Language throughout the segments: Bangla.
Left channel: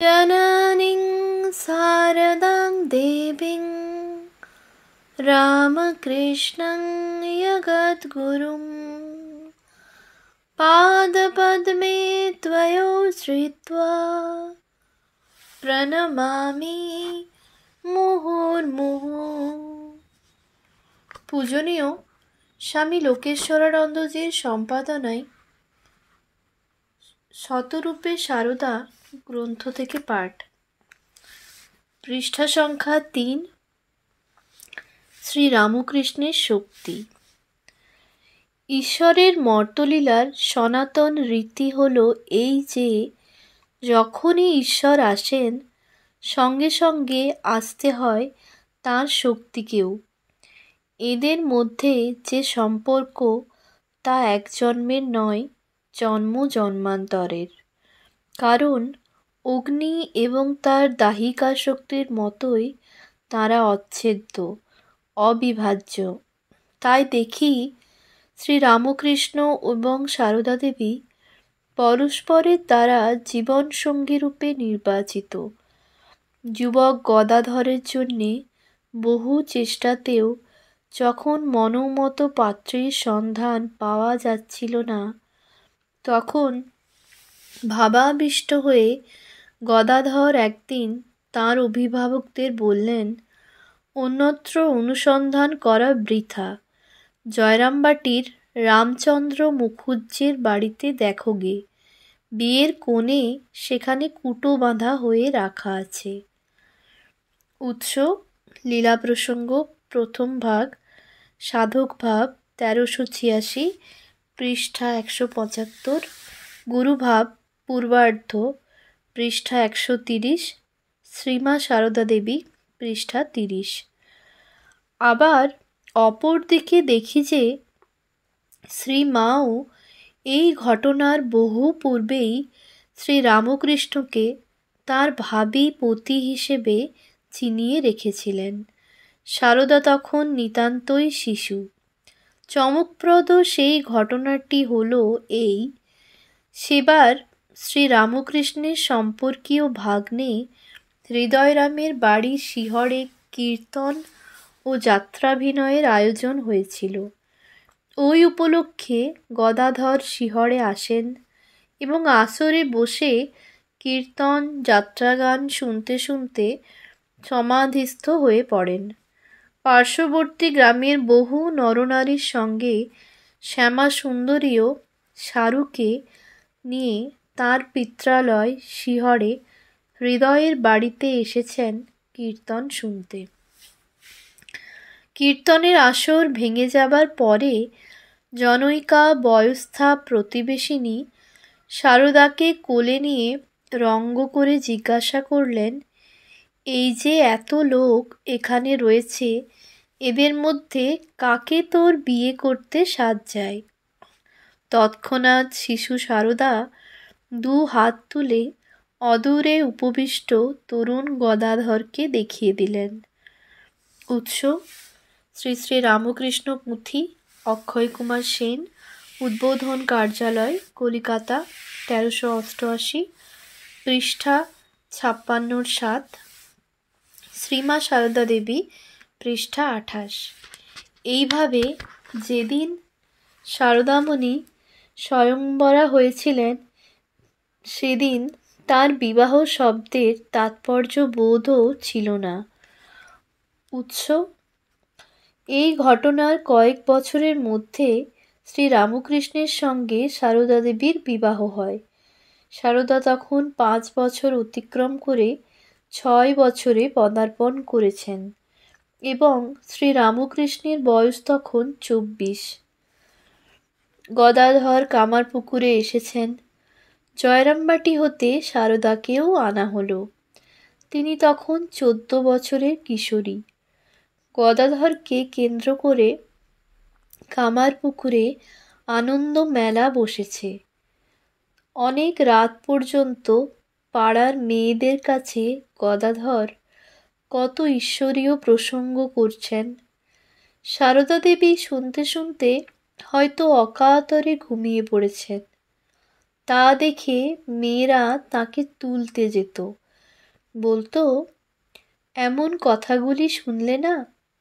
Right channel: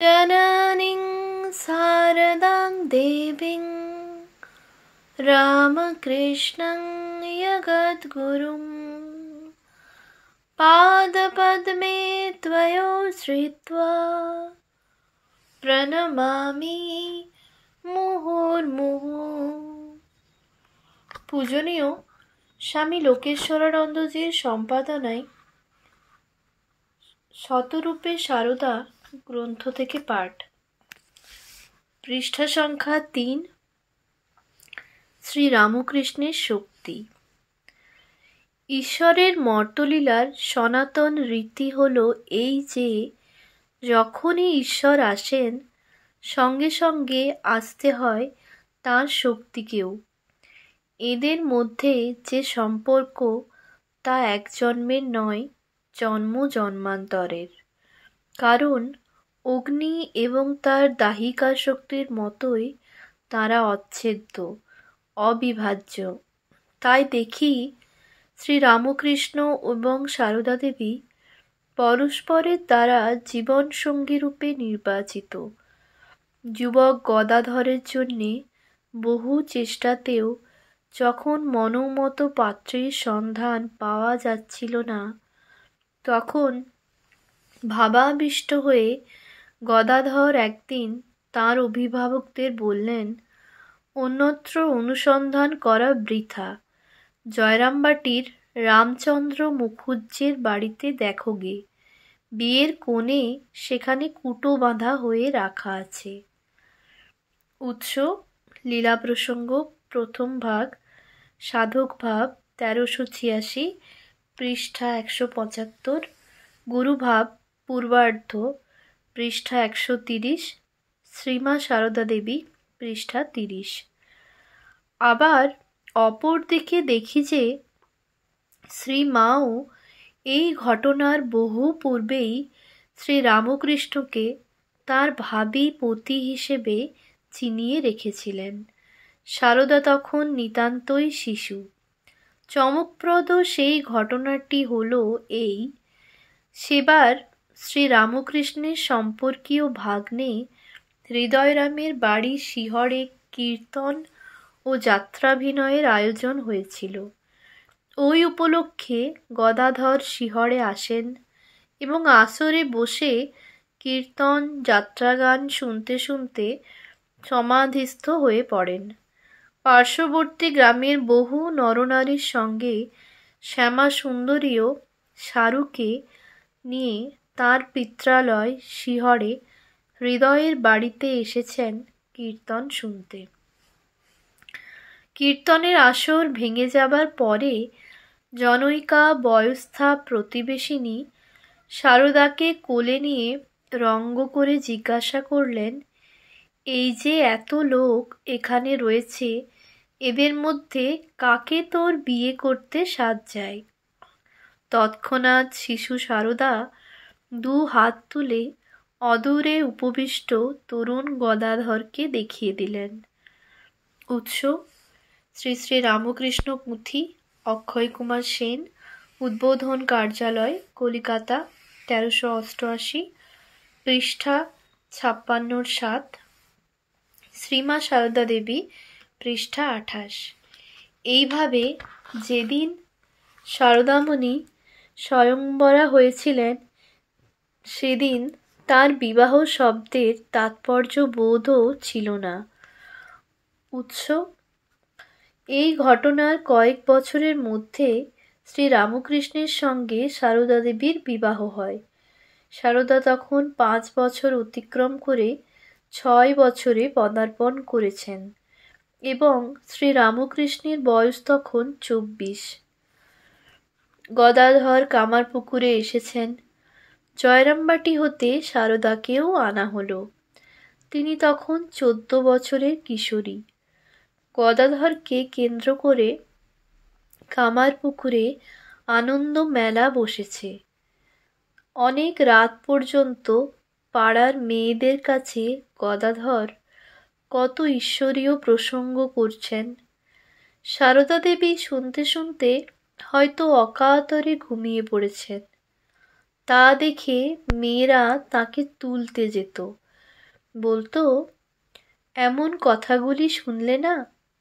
जननीं शारदां देवीं रामकृष्णं जगद्गुरुं पादपद्मे त्वयोश्रित्वा প্রণমামি মুহুর্মুহু। পূজনীয় স্বামী লোকেশ্বরানন্দজির সম্পাদনায় শতরূপে সারদা গ্রন্থ থেকে পাঠ। পৃষ্ঠা সংখ্যা ৩। শ্রীরামকৃষ্ণের শক্তি। ঈশ্বরের মর্তলীলার সনাতন রীতি হল এই যে যখনই ঈশ্বর আসেন সঙ্গে সঙ্গে আসতে হয় তাঁর শক্তিকেও। এদের মধ্যে যে সম্পর্ক তা এক জন্মের নয়, জন্ম জন্মান্তরের। কারণ অগ্নি এবং তার দাহিকা শক্তির মতোই তাঁরা অচ্ছেদ্য, অবিভাজ্য। তাই দেখি শ্রীরামকৃষ্ণ এবং সারদা দেবী পরস্পরের দ্বারা জীবনসঙ্গীরূপে নির্বাচিত। যুবক গদাধরের জন্যে বহু চেষ্টাতেও যখন মনোমত পাত্রের সন্ধান পাওয়া যাচ্ছিল না, তখন ভাবাবিষ্ট হয়ে গদাধর একদিন তাঁর অভিভাবকদের বললেন, অন্যত্র অনুসন্ধান করা বৃথা, জয়রামবাটির রামচন্দ্র মুখুজ্জের বাড়িতে দেখো গে, বিয়ের কোণে সেখানে কুটো বাঁধা হয়ে রাখা আছে। উৎস লীলা প্রসঙ্গ, প্রথম ভাগ, সাধক ভাব ১৩৮৬, পৃষ্ঠা ১৭৫, গুরুভাব পূর্বার্ধ, পৃষ্ঠা ১৩০, শ্রীমা সারদা দেবী, পৃষ্ঠা ৩০। আবার অপর দিকে দেখি যে শ্রীমাও এই ঘটনার বহু পূর্বেই শ্রীরামকৃষ্ণকে তাঁর ভাবী পতি হিসেবে চিনিয়ে রেখেছিলেন। সারদা তখন নিতান্তই শিশু। চমকপ্রদ সেই ঘটনাটি হল এই, সেবার শ্রীরামকৃষ্ণের সম্পর্কীয় ভাগ্নে হৃদয়রামের বাড়ি শিহরে কীর্তন ও যাত্রাভিনয়ের আয়োজন হয়েছিল। ওই উপলক্ষে গদাধর শিহরে আসেন এবং আসরে বসে কীর্তন যাত্রাগান শুনতে শুনতে সমাধিস্থ হয়ে পড়েন। পার্শ্ববর্তী গ্রামের বহু নরনারীর সঙ্গে শ্যামাসুন্দরীও সারুকে নিয়ে তাঁর পিত্রালয় শিহরে হৃদয়ের বাড়িতে এসেছেন কীর্তন শুনতে। কীর্তনের আসর ভেঙে যাবার পরে জনৈকা বয়স্থা প্রতিবেশিনী সারদাকে কোলে নিয়ে রঙ্গ করে জিজ্ঞাসা করলেন, এই যে এত লোক এখানে রয়েছে, এদের মধ্যে কাকে তোর বিয়ে করতে সাধ যায়? তৎক্ষণাৎ শিশু সারদা দু হাত তুলে অদূরে উপবিষ্ট তরুণ গদাধরকে দেখিয়ে দিলেন। উৎস শ্রী শ্রী রামকৃষ্ণ পুঁথি, অক্ষয় কুমার সেন, উদ্বোধন কার্যালয়, কলিকাতা, ১৩৮৮, পৃষ্ঠা ৫৬-৭, শ্রীমা সারদা দেবী, পৃষ্ঠা ২৮। এইভাবে যেদিন সারদামণি স্বয়ংবরা হয়েছিলেন সেদিন তার বিবাহ শব্দের তাৎপর্য বোধও ছিল না। উৎস এই ঘটনার কয়েক বছরের মধ্যে শ্রীরামকৃষ্ণের সঙ্গে সারদা দেবীর বিবাহ হয়। সারদা তখন ৫ বছর অতিক্রম করে ৬ বছরে পদার্পণ করেছেন এবং শ্রীরামকৃষ্ণের বয়স তখন ২৪। গদাধর কামারপুকুরে এসেছেন। জয়রামবাটি হতে সারদাকেও আনা হলো। তিনি তখন ১৪ বছরের কিশোরী। গদাধরকে কেন্দ্র করে কামারপুকুরে আনন্দ মেলা বসেছে। অনেক রাত পর্যন্ত পাড়ার মেয়েদের কাছে গদাধর কত ঈশ্বরীয় প্রসঙ্গ করছেন। সারদা দেবী শুনতে শুনতে হয়তো অকাতরে ঘুমিয়ে পড়েছেন। তা দেখে মেয়েরা তাকে তুলতে যেত, বলতো, এমন কথাগুলি শুনলে না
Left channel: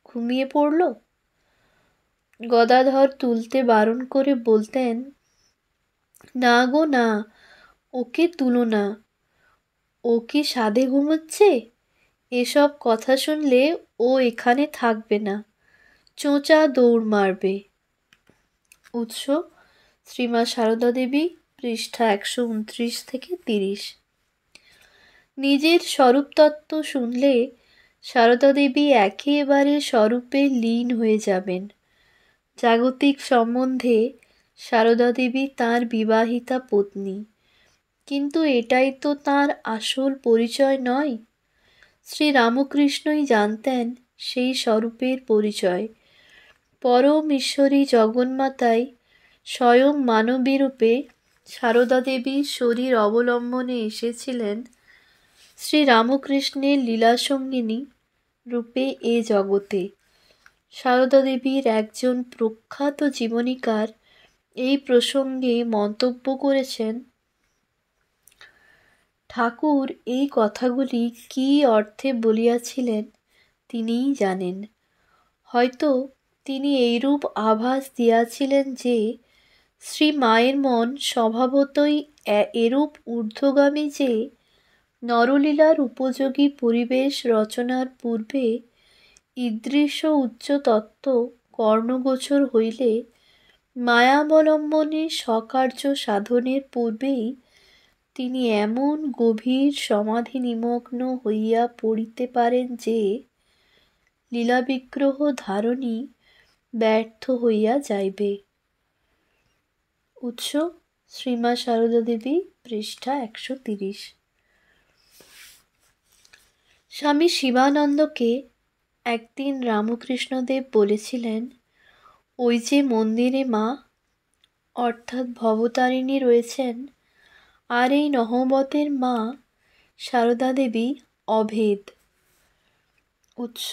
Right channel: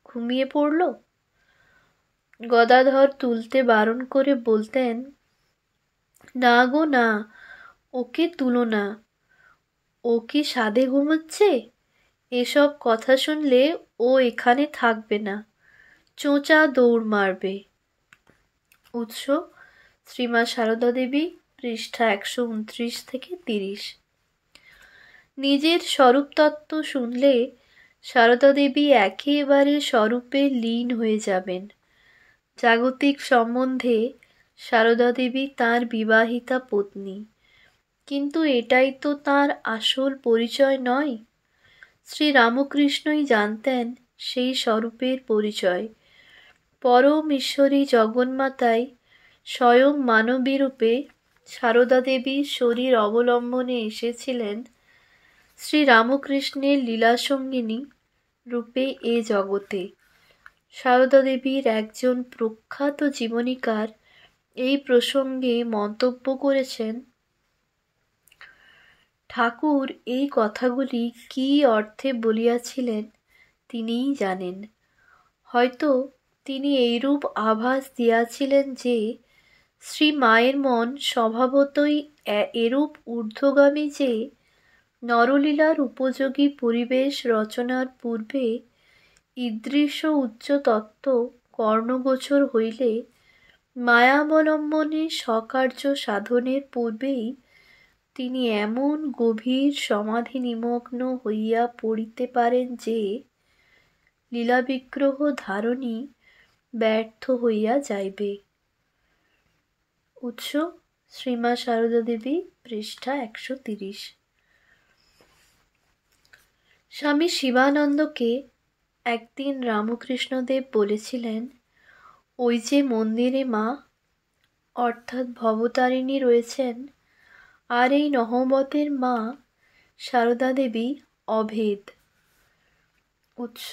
ঘুমিয়ে পড়ল। গদাধর তুলতে বারণ করে বলতেন, না গো না, ওকে তুলো না, ও কি সাধে ঘুমোচ্ছে? এসব কথা শুনলে ও এখানে থাকবে না, চোঁচা দৌড় মারবে। উৎস: শ্রীমা সারদা দেবী, পৃষ্ঠা 129 থেকে 30। নিজের স্বরূপতত্ত্ব শুনলে সারদা দেবী একেবারে স্বরূপে লীন হয়ে যাবেন। জাগতিক সম্বন্ধে সারদা দেবী তাঁর বিবাহিতা পত্নী, কিন্তু এটাই তো তাঁর আসল পরিচয় নয়। শ্রীরামকৃষ্ণই জানতেন সেই স্বরূপের পরিচয়। পরম ঈশ্বরী জগন্মাতাই স্বয়ং মানবী রূপে সারদা দেবীর শরীর অবলম্বনে এসেছিলেন শ্রীরামকৃষ্ণের লীলাসঙ্গিনী রূপে এ জগতে। সারদা দেবীর একজন প্রখ্যাত জীবনীকার এই প্রসঙ্গে মন্তব্য করেছেন, ঠাকুর এই কথাগুলি কী অর্থে বলিয়াছিলেন তিনিই জানেন। হয়তো তিনি এইরূপ আভাস দিয়াছিলেন যে শ্রী মায়ের মন স্বভাবতই এরূপ ঊর্ধ্বগামী যে নরলীলার উপযোগী পরিবেশ রচনার পূর্বে ঈদৃশ উচ্চ তত্ত্ব কর্ণগোচর হইলে মায়াবলম্বনে স্বকার্য সাধনের পূর্বেই তিনি এমন গভীর সমাধি নিমগ্ন হইয়া পড়িতে পারেন যে লীলাবিগ্রহ ধারণই ব্যর্থ হইয়া যাইবে। উৎস: শ্রীমা সারদা দেবী, পৃষ্ঠা 130। স্বামী শিবানন্দকে একদিন রামকৃষ্ণদেব বলেছিলেন, ওই যে মন্দিরে মা অর্থাৎ ভবতারিণী রয়েছেন, আর এই নহবতের মা সারদা দেবী অভেদ। উৎস:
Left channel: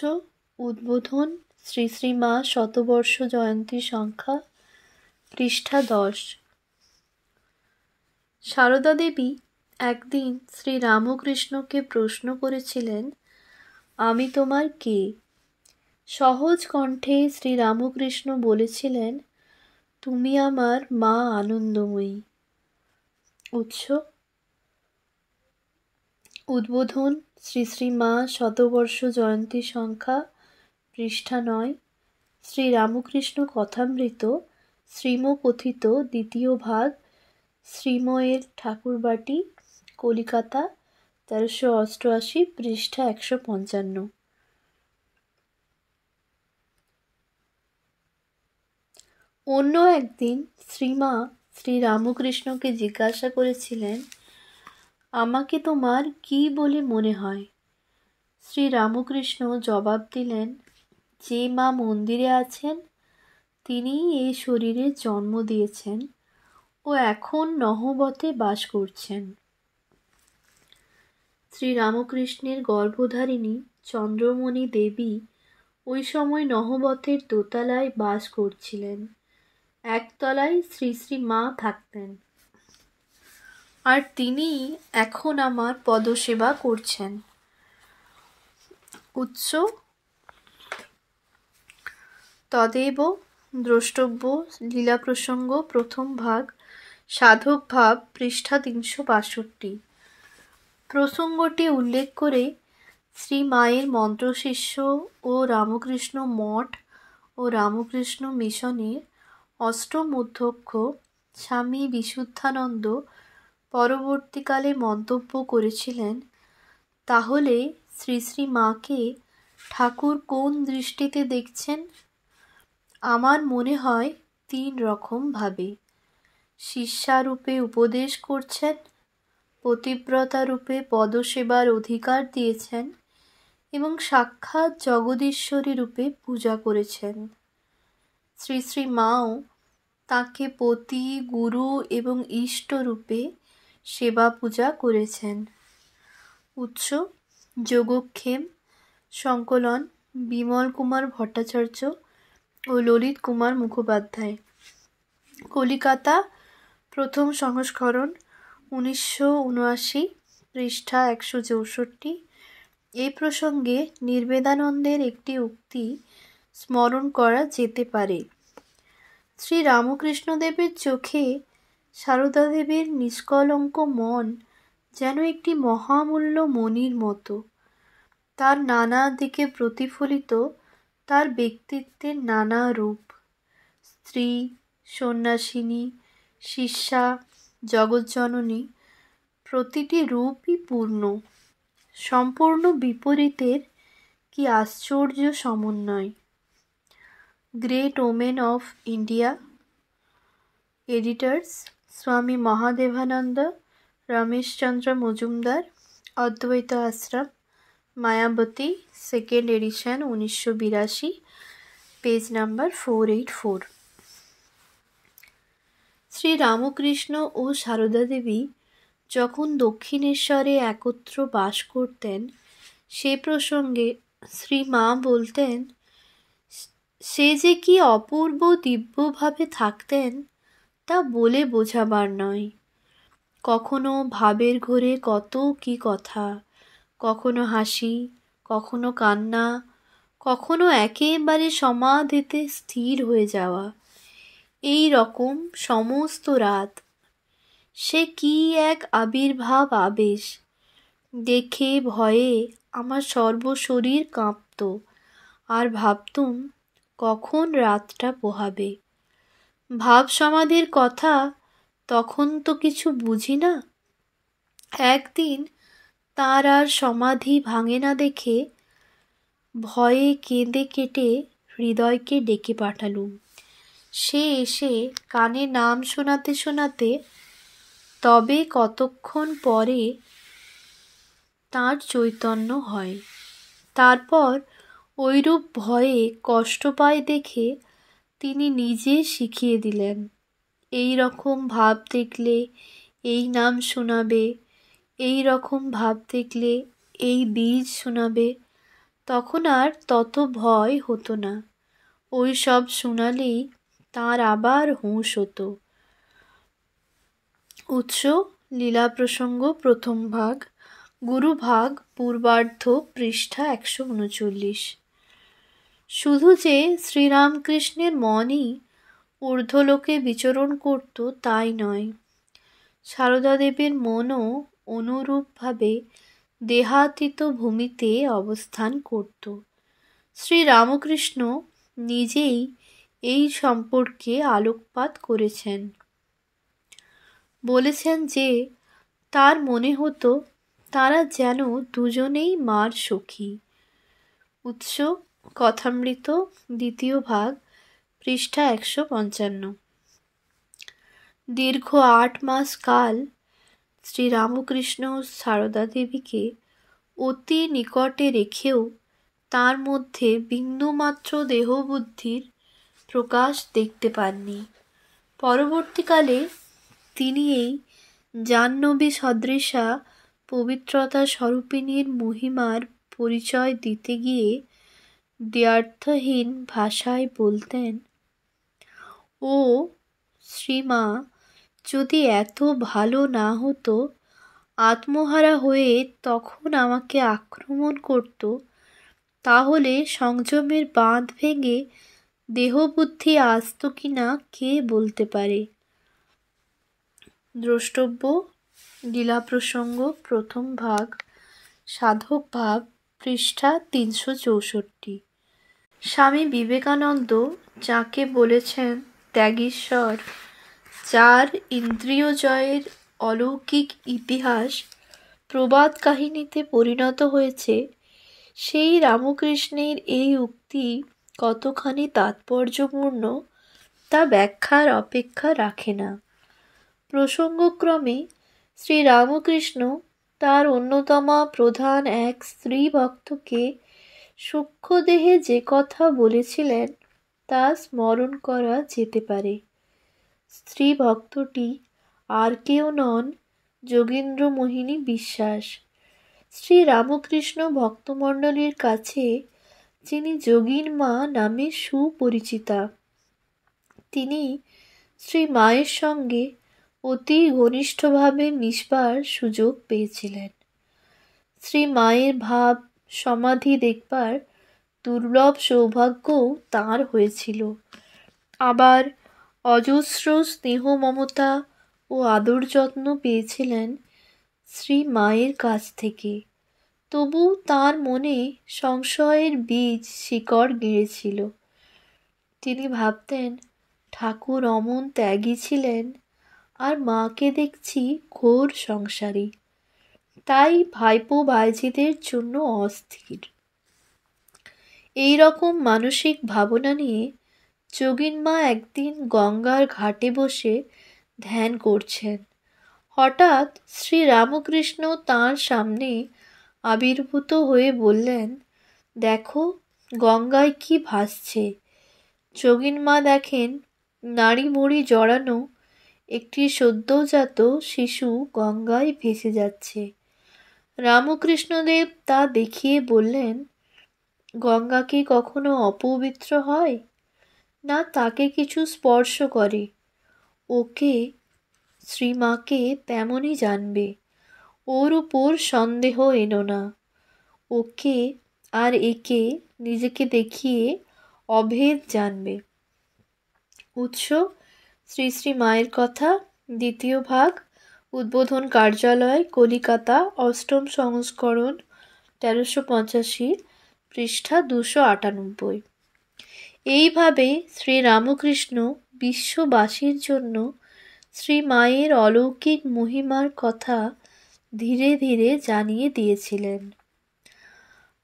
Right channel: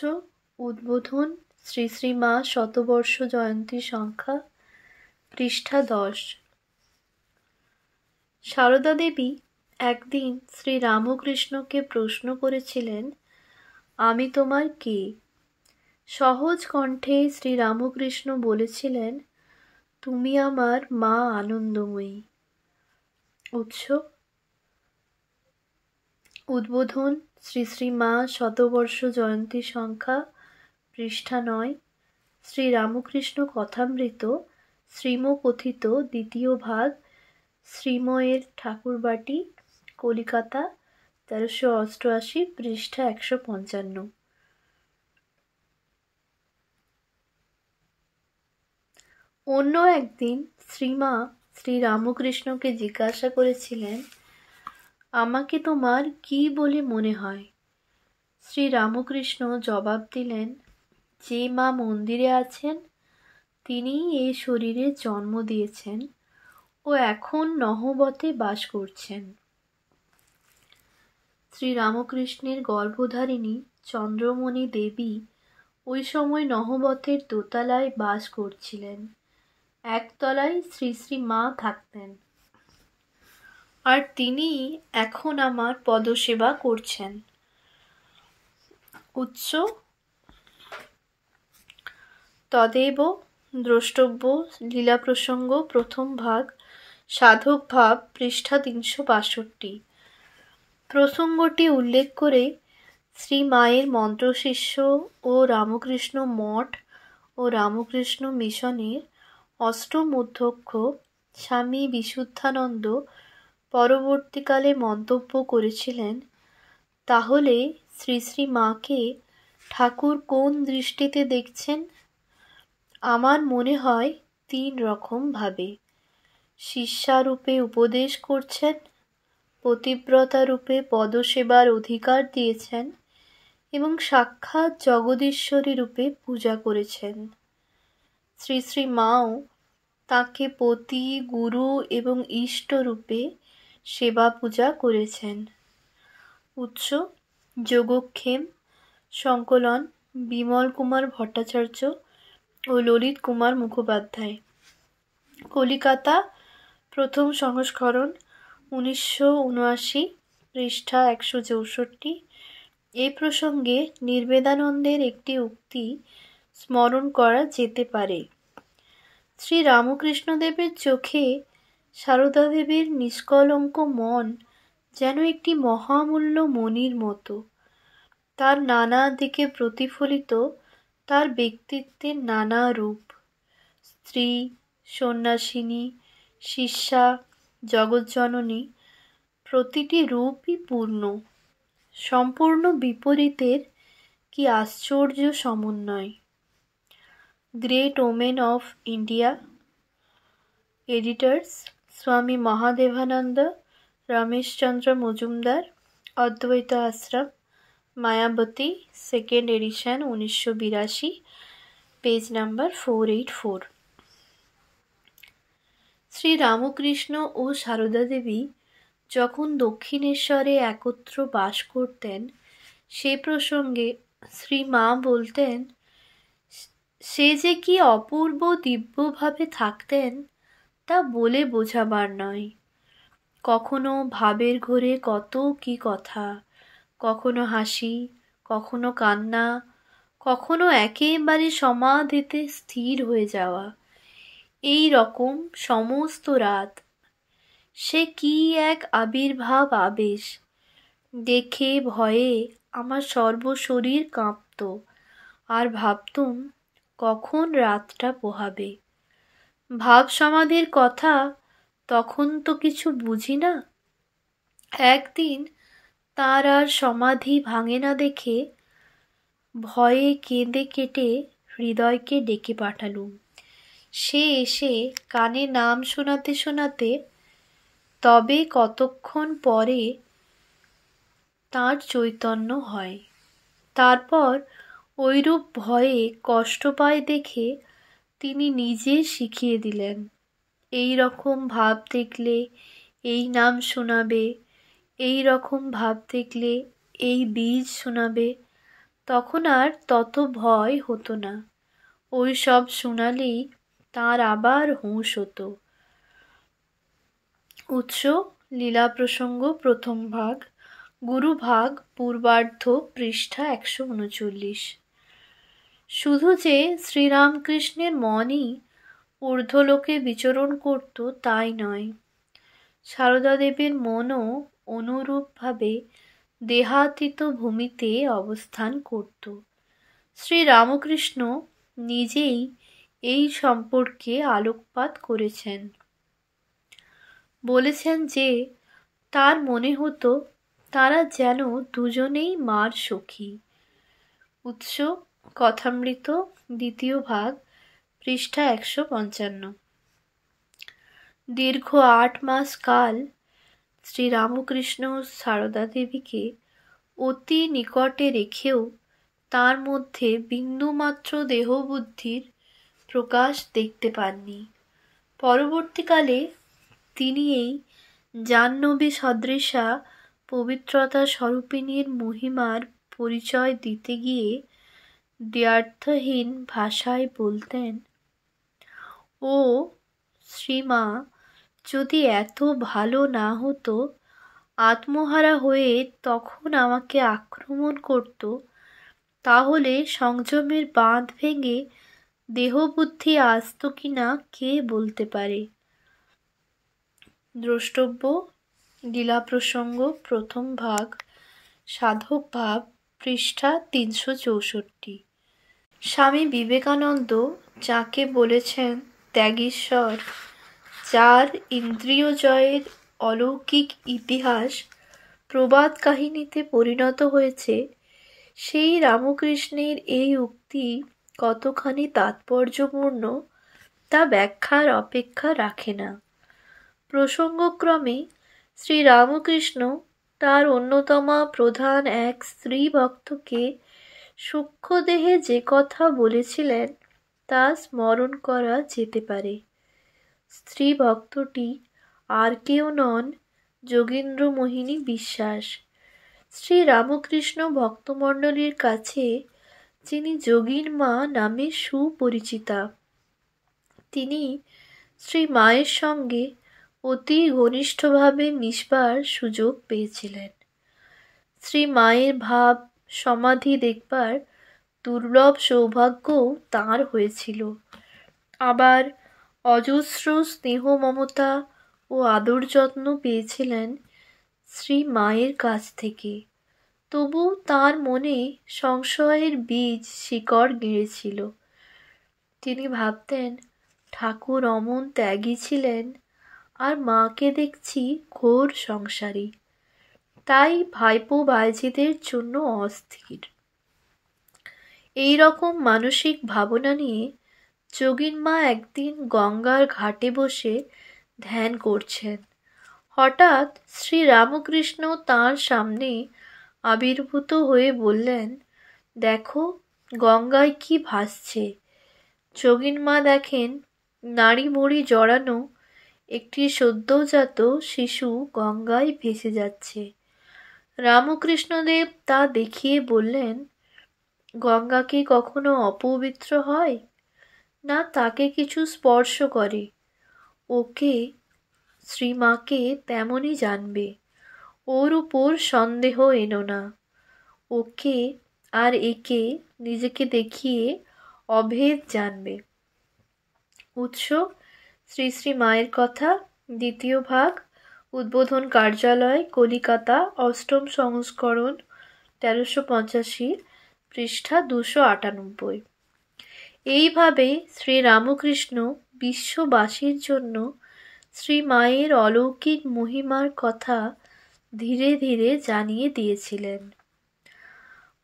উদ্বোধন শ্রী শ্রী মা শতবর্ষ জয়ন্তী সংখ্যা, পৃষ্ঠা 10। সারদা দেবী একদিন শ্রী রামকৃষ্ণকে প্রশ্ন করেছিলেন, আমি তোমার কে? সহজ কণ্ঠে শ্রী রামকৃষ্ণ বলেছিলেন, তুমি আমার মা আনন্দময়ী। উৎস: উদ্বোধন শ্রী শ্রী মা শতবর্ষ জয়ন্তী সংখ্যা, পৃষ্ঠা 9। শ্রী রামকৃষ্ণ কথামৃত, শ্রীমকথিত, দ্বিতীয় ভাগ, শ্রীময়ের ঠাকুরবাটি, কলিকাতা, 1388, পৃষ্ঠা 155। অন্য একদিন শ্রীমা শ্রী রামকৃষ্ণকে জিজ্ঞাসা করেছিলেন, আমাকে তোমার কি বলে মনে হয়? শ্রী রামকৃষ্ণ জবাব দিলেন, যে মা মন্দিরে আছেন তিনিই এই শরীরে জন্ম দিয়েছেন ও এখন নহবতে বাস করছেন। শ্রী রামকৃষ্ণের গর্ভধারিণী চন্দ্রমণি দেবী ওই সময় নহবতের দোতলায় বাস করছিলেন, একতলায় শ্রী শ্রী মা থাকতেন, আর তিনি এখন আমার পদসেবা করছেন। উৎস: তদেব দ্রষ্টব্য লীলা প্রসঙ্গ, প্রথম ভাগ, সাধক ভাব, পৃষ্ঠা 362। প্রসঙ্গটি উল্লেখ করে শ্রী মায়ের মন্ত্রশিষ্য ও রামকৃষ্ণ মঠ ও রামকৃষ্ণ মিশনের অষ্টম অধ্যক্ষ স্বামী বিশুদ্ধানন্দ পরবর্তীকালে মন্তব্য করেছিলেন, তাহলে শ্রী শ্রী মাকে ঠাকুর কোন দৃষ্টিতে দেখছেন? আমার মনে হয় 3 রকম ভাবে। শিষ্যারূপে উপদেশ করছেন, পতিব্রতা রূপে পদসেবার অধিকার দিয়েছেন এবং সাক্ষাৎ জগদীশ্বরী রূপে পূজা করেছেন। শ্রী শ্রী মাও তাকে পতি, গুরু এবং ইষ্ট রূপে সেবা পূজা করেছেন। উৎস: যোগক্ষেম, সংকলন বিমল কুমার ভট্টাচার্য ও ললিত কুমার মুখোপাধ্যায়, কলিকাতা, প্রথম সংস্করণ, 1979, পৃষ্ঠা 164, এই প্রসঙ্গে নির্বেদানন্দের একটি উক্তি স্মরণ করা যেতে পারে। শ্রী রামকৃষ্ণদেবের চোখে সারদা দেবীর নিষ্কলঙ্ক মন যেন একটি মহামূল্য মণির মতো। তার নানা দিকে প্রতিফলিত তার ব্যক্তিত্বের নানা রূপ, স্ত্রী, সন্ন্যাসিনী, শিষ্যা, জগজ্জননী, প্রতিটি রূপই পূর্ণ, সম্পূর্ণ বিপরীতের কি আশ্চর্য সমন্বয়। Great women of India, editors Swami Mahadevananda Rameshchandra Majumdar, অদ্বৈত Ashrama, Mayavati, second edition, 1982, page number 484। Shri Ramakrishna ও সারদা দেবী যখন দক্ষিণেশ্বরে একত্র বাস করতেন, সে প্রসঙ্গে শ্রী মা বলতেন, সে যে কি অপূর্ব দিব্যভাবে থাকতেন তা বলে বোঝাবার নয়। কখনো ভাবের ঘোরে কত কি কথা, কখনো হাসি, কখনো কান্না, কখনো একেবারে সমাধিতে স্থির হয়ে যাওয়া, এই রকম সমস্ত রাত। সে কি এক আবির্ভাব আবেশ! দেখে ভয়ে আমার সর্বশরীর কাঁপত, আর ভাবতুম কখন রাতটা পোহাবে। ভাব সমাধির কথা তখন তো কিছু বুঝি না। একদিন তার আর সমাধি ভাঙে না দেখে ভয়ে কেঁদে কেটে হৃদয়কে ডেকে পাঠালুম। সে এসে কানে নাম শোনাতে শোনাতে তবে কতক্ষণ পরে তাঁর চৈতন্য হয়। তারপর ঐরূপ ভয়ে কষ্ট পায় দেখে তিনি নিজে শিখিয়ে দিলেন, এই রকম ভাব দেখলে এই নাম শোনাবে, এই রকম ভাব দেখলে এই বীজ শোনাবে। তখন আর তত ভয় হতো না। ওই সব শোনালেই তাঁর আবার হুঁশ হতো। উৎস লীলা প্রসঙ্গ, প্রথম ভাগ, গুরু ভাগ, পূর্বার্ধ, পৃষ্ঠা 139। শুধু যে শ্রীরামকৃষ্ণের মনই ঊর্ধ্বলোকে বিচরণ করত তাই নয়, সারদা দেবীর মনও অনুরূপভাবে দেহাতীত ভূমিতে অবস্থান করত। শ্রীরামকৃষ্ণ নিজেই এই সম্পর্কে আলোকপাত করেছেন। বলেছেন যে তার মনে হতো তারা যেন দুজনেই মার সখী। উৎস কথামৃত, দ্বিতীয় ভাগ, পৃষ্ঠা 155। দীর্ঘ 8 মাস কাল শ্রীরামকৃষ্ণ সারদা দেবীকে অতি নিকটে রেখেও তার মধ্যে বিন্দুমাত্র দেহবুদ্ধির প্রকাশ দেখতে পাননি। পরবর্তীকালে তিনি এই জাহ্নবী সদৃশা পবিত্রতা স্বরূপিণীর মহিমার পরিচয় দিতে গিয়ে দ্ব্যর্থহীন ভাষায় বলতেন, ও শ্রীমা যদি এত ভালো না হতো, আত্মহারা হয়ে তখন আমাকে আক্রমণ করত, তাহলে সংযমের বাঁধ ভেঙে দেহবুদ্ধি আসত কিনা কে বলতে পারে। দ্রষ্টব্য লীলা প্রসঙ্গ, প্রথম ভাগ, সাধক ভাব, পৃষ্ঠা 364। স্বামী বিবেকানন্দ যাকে বলেছেন ত্যাগীশ্বর, যার ইন্দ্রিয় জয়ের অলৌকিক ইতিহাস প্রবাদ কাহিনীতে পরিণত হয়েছে, সেই রামকৃষ্ণের এই উক্তি কতখানি তাৎপর্যপূর্ণ তা ব্যাখ্যার অপেক্ষা রাখে না। প্রসঙ্গক্রমে শ্রীরামকৃষ্ণ তার অন্যতমা প্রধান এক স্ত্রী ভক্তকে সূক্ষ্মদেহে যে কথা বলেছিলেন তা স্মরণ করা যেতে পারে। স্ত্রী ভক্তটি আর কেউ নন, যোগীন্দ্রমোহিনী বিশ্বাস। শ্রীরামকৃষ্ণ ভক্তমণ্ডলীর কাছে যিনি যোগীর মা নামে সুপরিচিতা, তিনি শ্রী মায়ের সঙ্গে অতি ঘনিষ্ঠভাবে মিশবার সুযোগ পেয়েছিলেন। শ্রী মায়ের ভাব সমাধি দেখবার দুর্লভ সৌভাগ্যও তাঁর হয়েছিল। আবার অজস্র স্নেহ মমতা ও আদর যত্ন পেয়েছিলেন শ্রী মায়ের কাছ থেকে। তবু তাঁর মনে সংশয়ের বীজ শিকড় গেড়েছিল। তিনি ভাবতেন ঠাকুর অমন ত্যাগী ছিলেন, আর মাকে দেখছি ঘোর সংসারী, তাই ভাইপো ভাইঝিদের জন্য অস্থির। এই রকম মানসিক ভাবনা নিয়ে যোগীন মা একদিন গঙ্গার ঘাটে বসে ধ্যান করছেন। হঠাৎ শ্রী রামকৃষ্ণ তাঁর সামনে আবির্ভূত হয়ে বললেন, দেখো গঙ্গায় কি ভাসছে। যোগীন মা দেখেন নাড়ি ভুঁড়ি জড়ানো একটি সদ্যজাত শিশু গঙ্গায় ভেসে যাচ্ছে। রামকৃষ্ণদেব তা দেখিয়ে বললেন, গঙ্গা কি কখনো অপবিত্র হয়? না তাকে কিছু স্পর্শ করে। ওকে, শ্রীমাকে তেমনই জানবে। ওর উপর সন্দেহ এনো না। ওকে আর একে নিজেকে দেখিয়ে অভেদ জানবে। উৎস শ্রী শ্রী মায়ের কথা, দ্বিতীয় ভাগ, উদ্বোধন কার্যালয়, কলিকাতা, ৮ম সংস্করণ, ১৩৮৫, পৃষ্ঠা ২৯৮। এইভাবে শ্রী রামকৃষ্ণ বিশ্ববাসীর জন্য শ্রী মায়ের অলৌকিক মহিমার কথা ধীরে ধীরে জানিয়ে দিয়েছিলেন।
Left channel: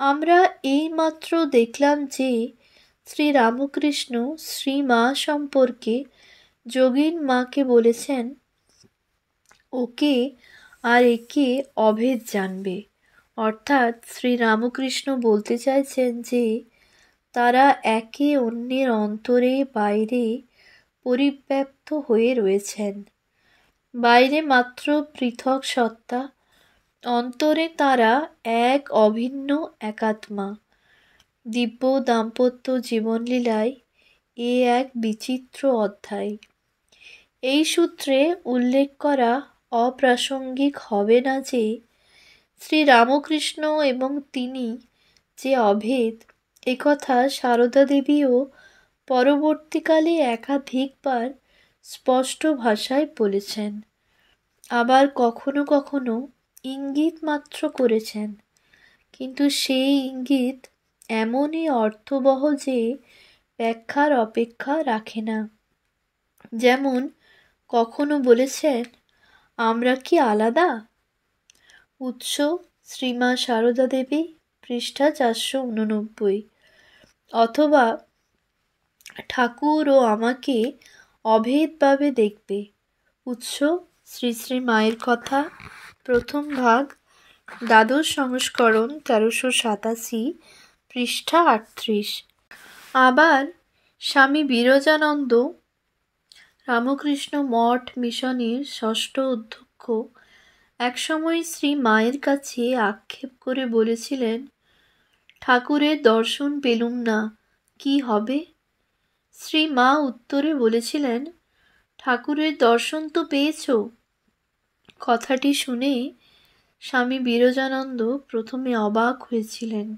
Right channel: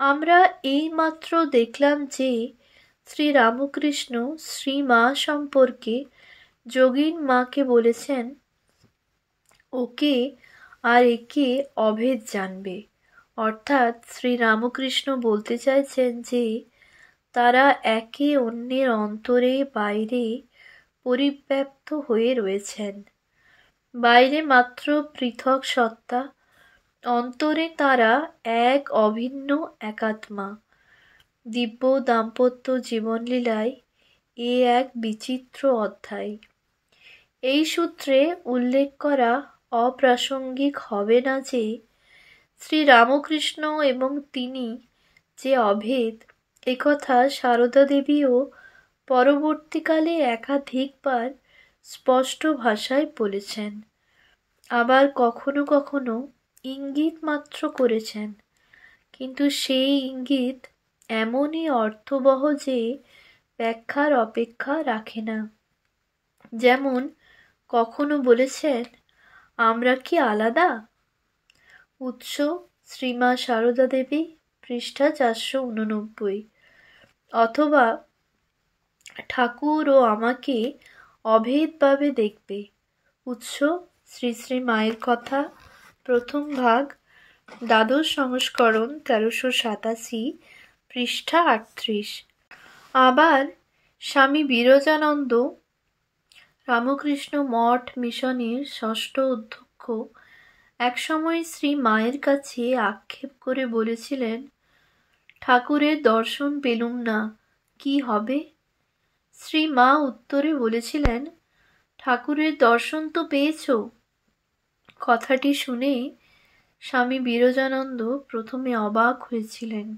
আমরা এইমাত্র দেখলাম যে শ্রী রামকৃষ্ণ শ্রী মা সম্পর্কে যোগীন মাকে বলেছেন, ওকে আর একে অভেদ জানবে। অর্থাৎ শ্রী রামকৃষ্ণ বলতে চাইছেন যে তারা একে অন্যের অন্তরে বাইরে পরিব্যাপ্ত হয়ে রয়েছেন। বাইরে মাত্র পৃথক সত্তা, অন্তরে তারা এক অভিন্ন একাত্মা। দিব্য দাম্পত্য জীবনলীলায় এ এক বিচিত্র অধ্যায়। এই সূত্রে উল্লেখ করা অপ্রাসঙ্গিক হবে না যে শ্রী রামকৃষ্ণ এবং তিনি যে অভেদ, একথা সারদা দেবীও পরবর্তীকালে একাধিকবার স্পষ্ট ভাষায় বলেছেন। আবার কখনো কখনো ইঙ্গিত মাত্র করেছেন, কিন্তু সেই ইঙ্গিত এমনই অর্থবহ যে ব্যাখ্যার অপেক্ষা রাখে না। যেমন কখনো বলেছেন, আমরা কি আলাদা? উৎস শ্রীমা সারদা দেবী, পৃষ্ঠা ৪৮৯। অথবা ঠাকুর ও আমাকে অভেদভাবে দেখবে। উৎস শ্রী শ্রী মায়ের কথা, প্রথম ভাগ, দ্বাদশ সংস্করণ, ১৩৮৭, পৃষ্ঠা ৩৮। আবার স্বামী বিরজানন্দ রামকৃষ্ণ মঠ মিশনের ষষ্ঠ অধ্যক্ষ একসময় শ্রী মায়ের কাছে আক্ষেপ করে বলেছিলেন, ঠাকুরের দর্শন পেলুম না, কি হবে? শ্রী মা উত্তরে বলেছিলেন, ঠাকুরের দর্শন তো পেয়েছ। কথাটি শুনে স্বামী বিরজানন্দ প্রথমে অবাক হয়েছিলেন,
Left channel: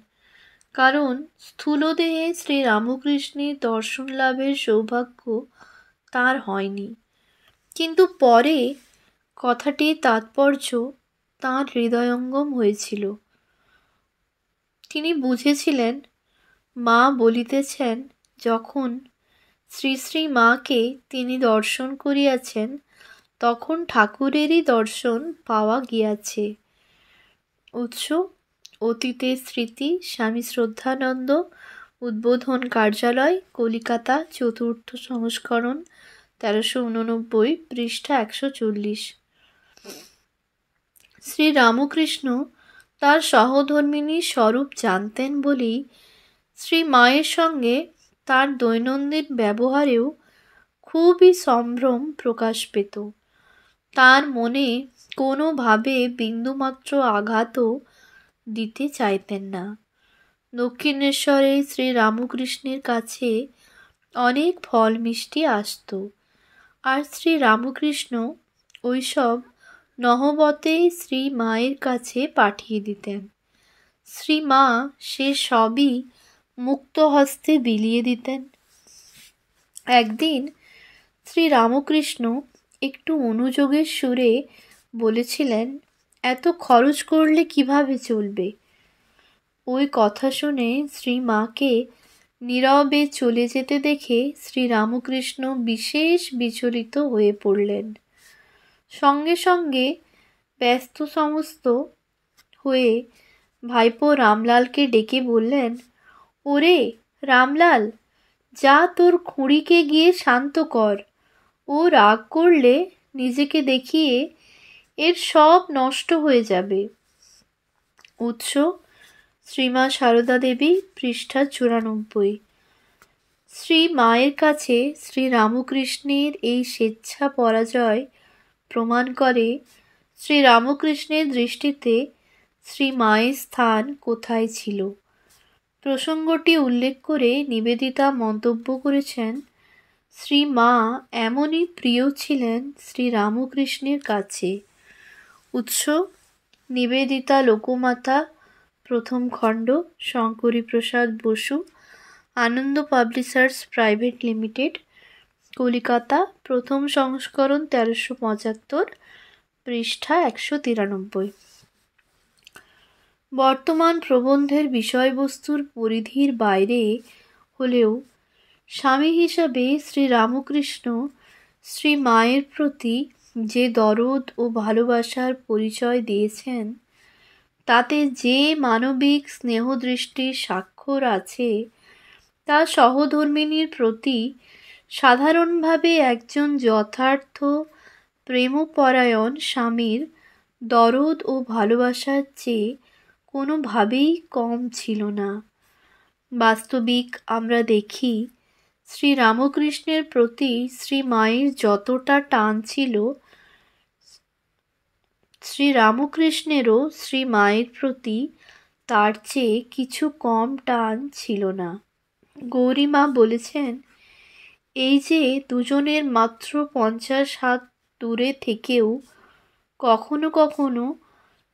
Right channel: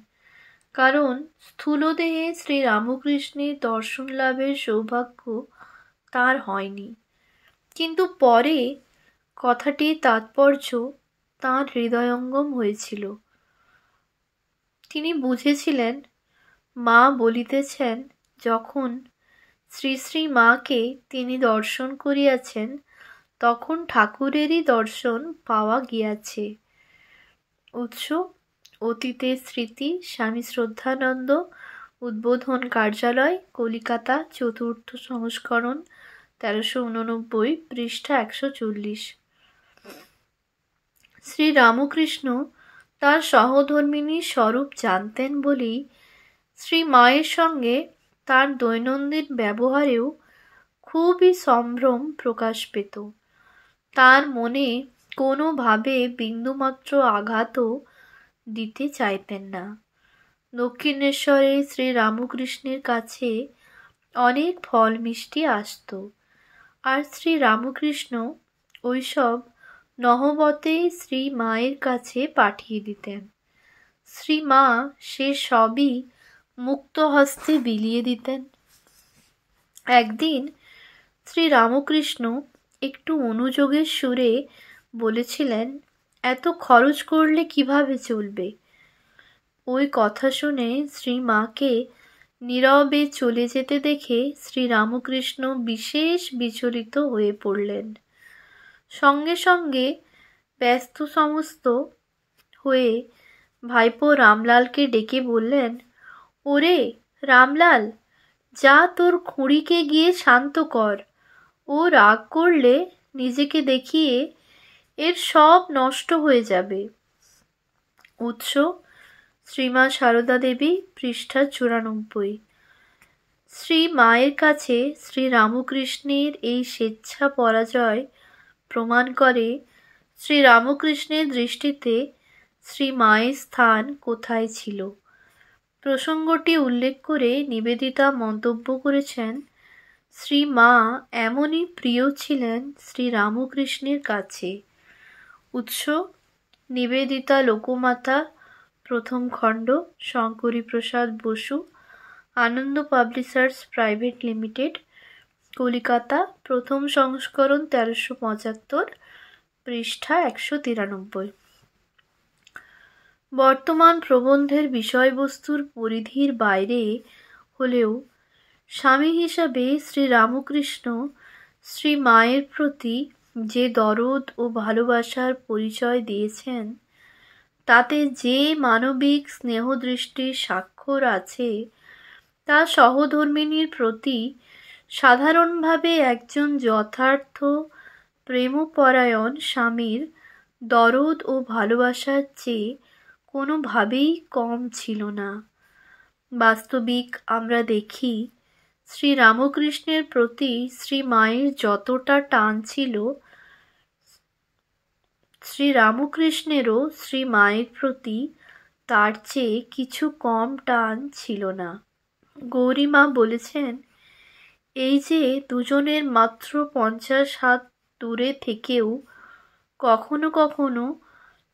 কারণ স্থূলদেহে শ্রী রামকৃষ্ণের দর্শন লাভের সৌভাগ্য তাঁর হয়নি। কিন্তু পরে কথাটির তাৎপর্য তাঁর হৃদয়ঙ্গম হয়েছিল। তিনি বুঝেছিলেন, মা বলিতেছেন, যখন শ্রী শ্রী মাকে তিনি দর্শন করিয়াছেন, তখন ঠাকুরেরই দর্শন পাওয়া গিয়াছে। উৎস অতীতের স্মৃতি, স্বামী শ্রদ্ধানন্দ, উদ্বোধন কার্যালয়, কলিকাতা, ৪র্থ সংস্করণ, ১৩৮৯, পৃষ্ঠা ১৪০। শ্রী রামকৃষ্ণ তার সহধর্মিণীর স্বরূপ জানতেন বলেই শ্রী মায়ের সঙ্গে তার দৈনন্দিন ব্যবহারেও খুবই সম্ভ্রম প্রকাশ পেত। তার মনে কোনোভাবে বিন্দুমাত্র আঘাতও দিতে চাইতেন না। দক্ষিণেশ্বরে শ্রী রামকৃষ্ণের কাছে অনেক ফল মিষ্টি আসত, আর শ্রী রামকৃষ্ণ ওইসব নহবতে শ্রী মায়ের কাছে পাঠিয়ে দিতেন। শ্রীমা সে সবই মুক্ত হস্তে বিলিয়ে দিতেন। একদিন শ্রীরামকৃষ্ণ একটু অনুযোগের সুরে বলেছিলেন, এত খরচ করলে কিভাবে চলবে? ওই কথা শুনে শ্রীমাকে নীরবে চলে যেতে দেখে শ্রীরামকৃষ্ণ বিশেষ বিচলিত হয়ে পড়লেন। সঙ্গে সঙ্গে ব্যস্ত সমস্ত হয়ে ভাইপো রামলালকে ডেকে বললেন, ওরে রামলাল, যা তোর খুঁড়িকে গিয়ে শান্ত কর। ও রাগ করলে নিজেকে দেখিয়ে এর সব নষ্ট হয়ে যাবে। উৎস শ্রীমা সারদা দেবী, পৃষ্ঠা 94। শ্রী মায়ের কাছে শ্রীরামকৃষ্ণের এই স্বেচ্ছা পরাজয় প্রমাণ করে শ্রীরামকৃষ্ণের দৃষ্টিতে শ্রী মায়ের স্থান কোথায় ছিল। প্রসঙ্গটি উল্লেখ করে নিবেদিতা মন্তব্য করেছেন, শ্রী মা এমনই প্রিয় ছিলেন শ্রীরামকৃষ্ণের কাছে। উৎস নিবেদিতা লোকমাতা, প্রথম খণ্ড, শঙ্করী প্রসাদ বসু, আনন্দ পাবলিশার্স প্রাইভেট লিমিটেড, কলিকাতা, প্রথম সংস্করণ, 1375, পৃষ্ঠা 193। বর্তমান প্রবন্ধের বিষয়বস্তুর পরিধির বাইরে হলেও স্বামী হিসাবে শ্রীরামকৃষ্ণ শ্রী মায়ের প্রতি যে দরদ ও ভালোবাসার পরিচয় দিয়েছেন, তাতে যে মানবিক স্নেহদৃষ্টির স্বাক্ষর আছে, তা সহধর্মিণীর প্রতি সাধারণভাবে একজন যথার্থ প্রেমপরায়ণ স্বামীর দরদ ও ভালোবাসার চেয়ে কোনোভাবেই কম ছিল না। বাস্তবিক আমরা দেখি, শ্রীরামকৃষ্ণের প্রতি শ্রী মায়ের যতটা টান ছিল, শ্রীরামকৃষ্ণেরও শ্রী মায়ের প্রতি তার চেয়ে কিছু কম টান ছিল না। গৌরীমা বলেছেন, এই যে দুজনের মাত্র 50 হাত দূরে থেকেও কখনো কখনো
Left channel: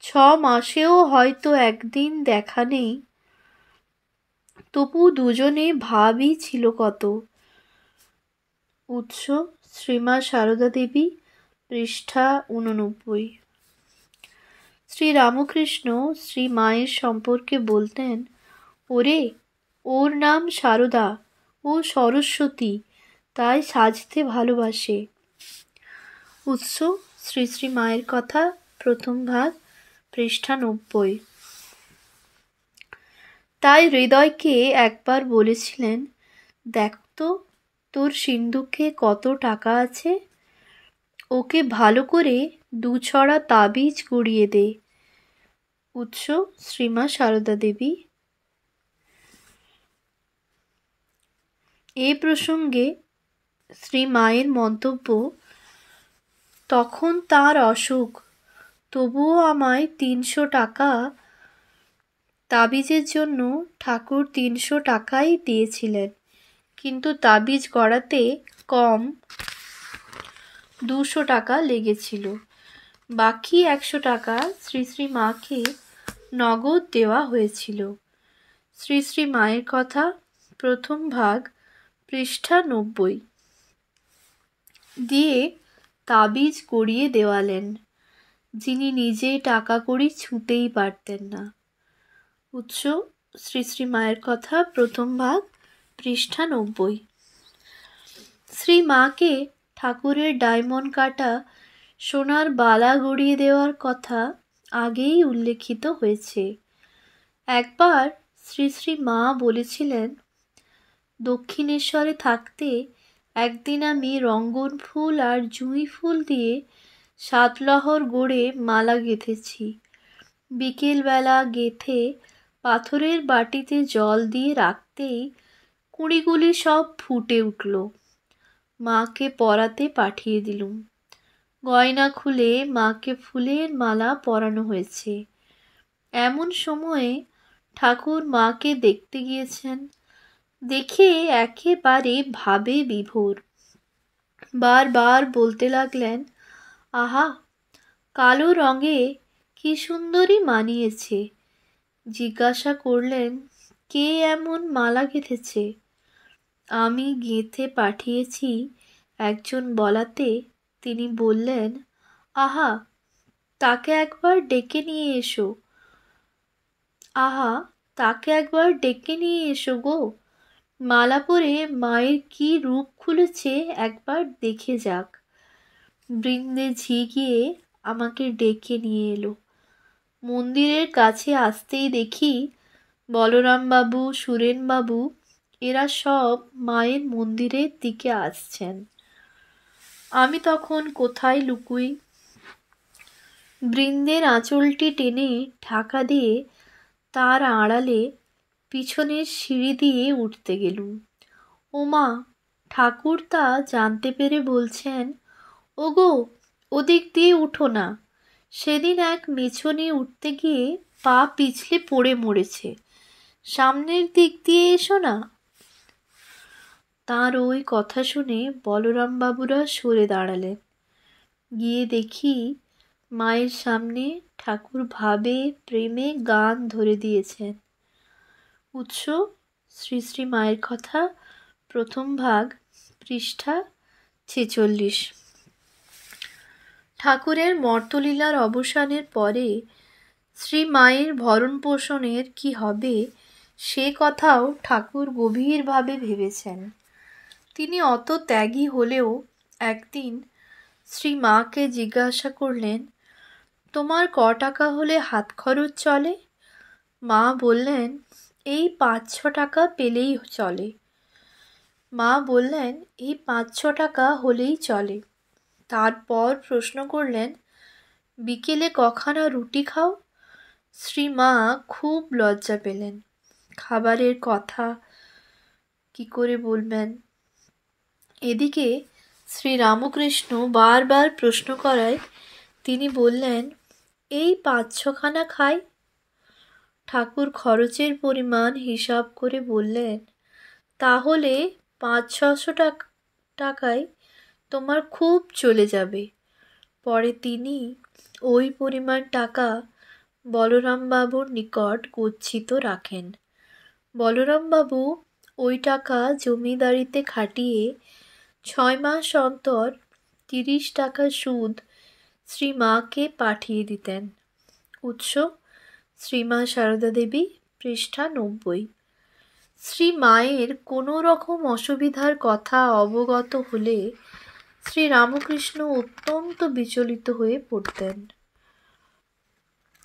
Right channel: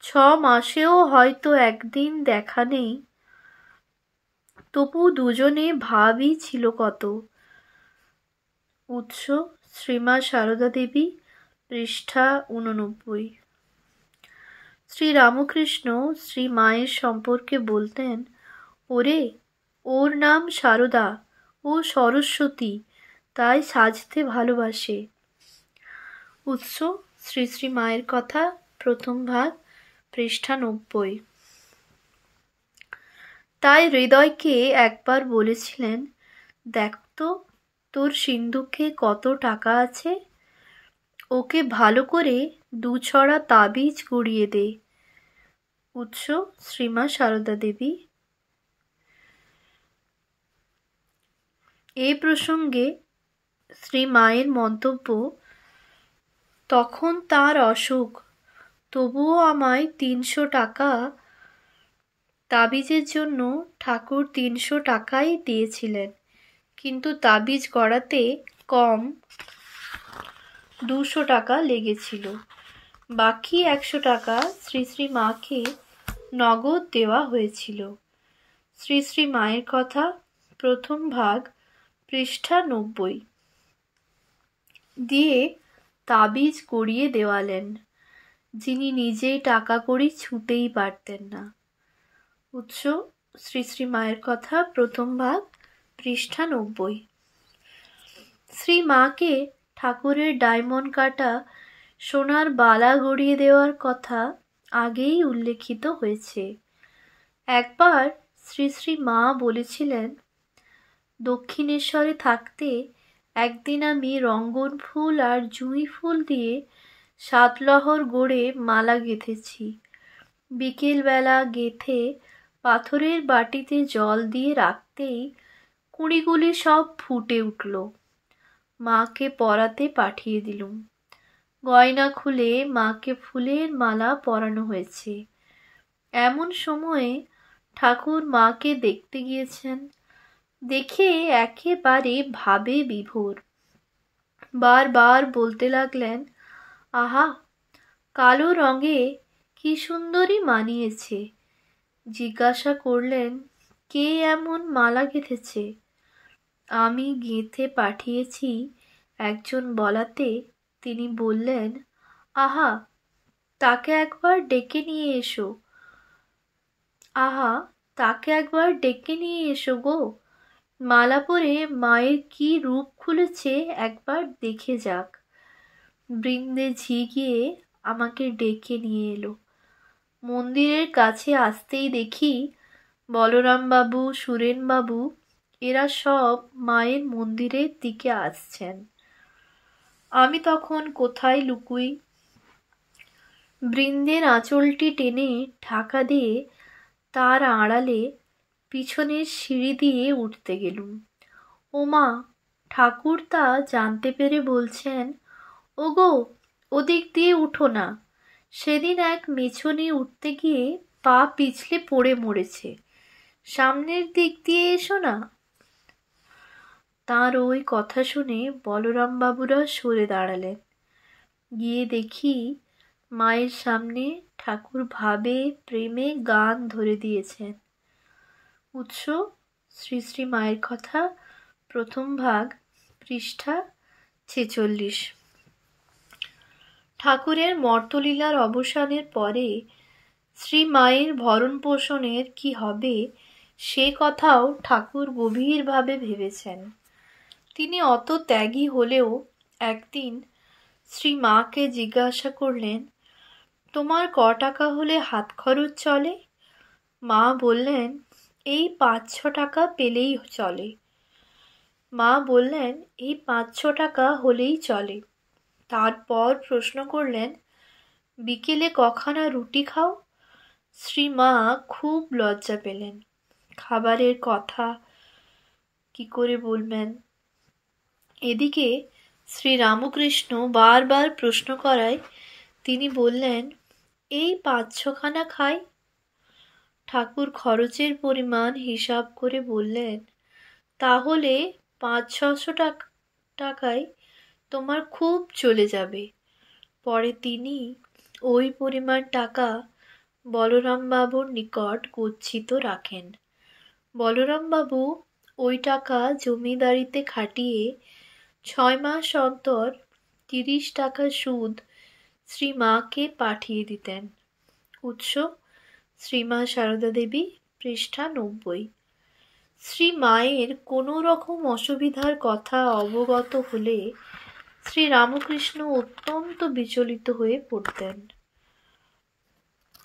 6 মাসেও হয়তো একদিন দেখা নেই, তবু দুজনে ভাবই ছিল কত। উৎস শ্রীমা সারদা দেবী, পৃষ্ঠা 89। শ্রীরামকৃষ্ণ শ্রী মায়ের সম্পর্কে বলতেন, ওরে, ওর নাম সারদা, ও সরস্বতী, তাই সাজতে ভালোবাসে। উৎস শ্রী শ্রী মায়ের কথা, প্রথম ভাগ, পৃষ্ঠা 90। তাই হৃদয়কে একবার বলেছিলেন, দেখ তো তোর সিন্ধুকে কত টাকা আছে, ওকে ভালো করে 2 ছড়া তাবিজ গড়িয়ে দে। উৎস শ্রীমা সারদা দেবী। এই প্রসঙ্গে শ্রী মায়ের মন্তব্য, তখন তার অসুখ, তবুও আমায় 300 টাকা তাবিজের জন্য ঠাকুর 300 টাকাই দিয়েছিলেন, কিন্তু তাবিজ গড়াতে কম 200 টাকা লেগেছিল। বাকি 100 টাকা শ্রী শ্রী মাকে নগদ দেওয়া হয়েছিল। শ্রী শ্রী মায়ের কথা, প্রথম ভাগ, পৃষ্ঠা 90। দিয়ে তাবিজ গড়িয়ে দেওয়ালেন, যিনি নিজে টাকা কড়ি ছুঁতেই পারতেন না। উৎস শ্রী শ্রী মায়ের কথা, প্রথম ভাগ, পৃষ্ঠা 90। শ্রী মাকে ঠাকুরের ডায়মন্ড কাটা সোনার বালা গড়িয়ে দেওয়ার কথা আগেই উল্লেখিত হয়েছে। একবার শ্রী শ্রী মা বলেছিলেন, দক্ষিণেশ্বরে থাকতে একদিন আমি রঙ্গন ফুল আর জুঁই ফুল দিয়ে 7 লহর গড়ে মালা গেঁথেছি। বিকেলবেলা গেঁথে পাথরের বাটিতে জল দিয়ে রাখতেই কুঁড়িগুলি সব ফুটে উঠল। মাকে পরাতে পাঠিয়ে দিলুম। গয়না খুলে মাকে ফুলের মালা পরানো হয়েছে। এমন সময়ে ঠাকুর মাকে দেখতে গিয়েছেন। দেখে একেবারে ভাবে বিভোর। বারবার বলতে লাগলেন, আহা, কালো রঙে কি সুন্দরী মানিয়েছে, জিজ্ঞাসা করলেন, কে এমন মালা গেঁথেছে? আমি গেঁথে পাঠিয়েছি একজন বলাতে তিনি বললেন, আহা, তাকে একবার ডেকে নিয়ে এসো। আহা, তাকে একবার ডেকে নিয়ে এসো গো। মালা পরে মায়ের কি রূপ খুলেছে একবার দেখে যাক। বৃন্দে ঝি গিয়ে আমাকে ডেকে নিয়ে এলো। মন্দিরের কাছে আসতেই দেখি বলরামবাবু, সুরেনবাবু এরা সব মায়ের মন্দিরের দিকে আসছেন। আমি তখন কোথায় লুকুই? বৃন্দের আঁচলটি টেনে ঢাকা দিয়ে তার আড়ালে পিছনের সিঁড়ি দিয়ে উঠতে গেলুম। ওমা, ঠাকুর তা জানতে পেরে বলছেন, ওগো, ওদিক দিয়ে উঠো না। সেদিন এক মেছুনি উঠতে গিয়ে পা পিছলে পড়ে মরেছে। সামনের দিক দিয়ে এসো না। তার ওই কথা শুনে বলরামবাবুরা সরে দাঁড়ালেন। গিয়ে দেখি মায়ের সামনে ঠাকুর ভাবে প্রেমে গান ধরে দিয়েছেন। উৎস শ্রী শ্রী মায়ের কথা, প্রথম ভাগ, পৃষ্ঠা 46। ঠাকুরের মর্তলীলার অবসানের পরে শ্রী মায়ের ভরণ পোষণের কি হবে সে কথাও ঠাকুর গভীরভাবে ভেবেছেন। তিনি অত ত্যাগী হলেও একদিন শ্রী মাকে জিজ্ঞাসা করলেন, তোমার ক টাকা হলে হাত খরচ চলে? মা বললেন, এই 5-6 টাকা পেলেই চলে। মা বললেন, এই 5-6 টাকা হলেই চলে। তারপর প্রশ্ন করলেন, বিকেলে কখানা রুটি খাও? শ্রী মা খুব লজ্জা পেলেন। খাবারের কথা কি করে বলবেন? এদিকে শ্রী রামকৃষ্ণ বারবার প্রশ্ন করায় তিনি বললেন, এই 5-6 খানা খাই। ঠাকুর খরচের পরিমাণ হিসাব করে বললেন, তাহলে 500-600 টাকায় তোমার খুব চলে যাবে। পরে তিনি ওই পরিমাণ টাকা বলরামবাবুর নিকট গচ্ছিত রাখেন। বলরামবাবু ওই টাকা জমিদারিতে খাটিয়ে 6 মাস অন্তর 30 টাকা সুদ শ্রী মাকে পাঠিয়ে দিতেন। উৎস শ্রীমা সারদা দেবী, পৃষ্ঠা 90। শ্রী মায়ের কোনো রকম অসুবিধার কথা অবগত হলে শ্রী রামকৃষ্ণ অত্যন্ত বিচলিত হয়ে পড়তেন।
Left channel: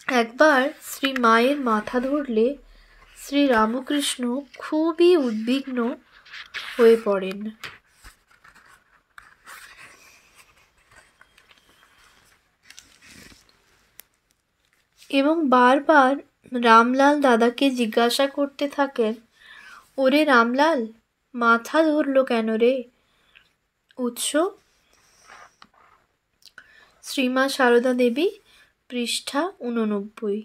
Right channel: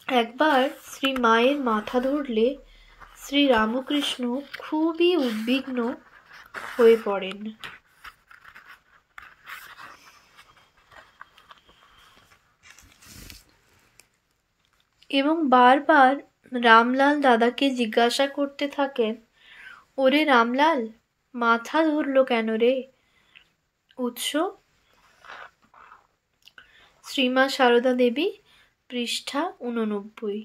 একবার শ্রী মায়ের মাথা ধরলে শ্রী রামকৃষ্ণ খুবই উদ্বিগ্ন হয়ে পড়েন। এবং বারবার রামলাল দাদাকে জিজ্ঞাসা করতে থাকেন, ওরে রামলাল, মাথা ধরল কেন রে? উৎস শ্রীমা সারদা দেবী, পৃষ্ঠা 89।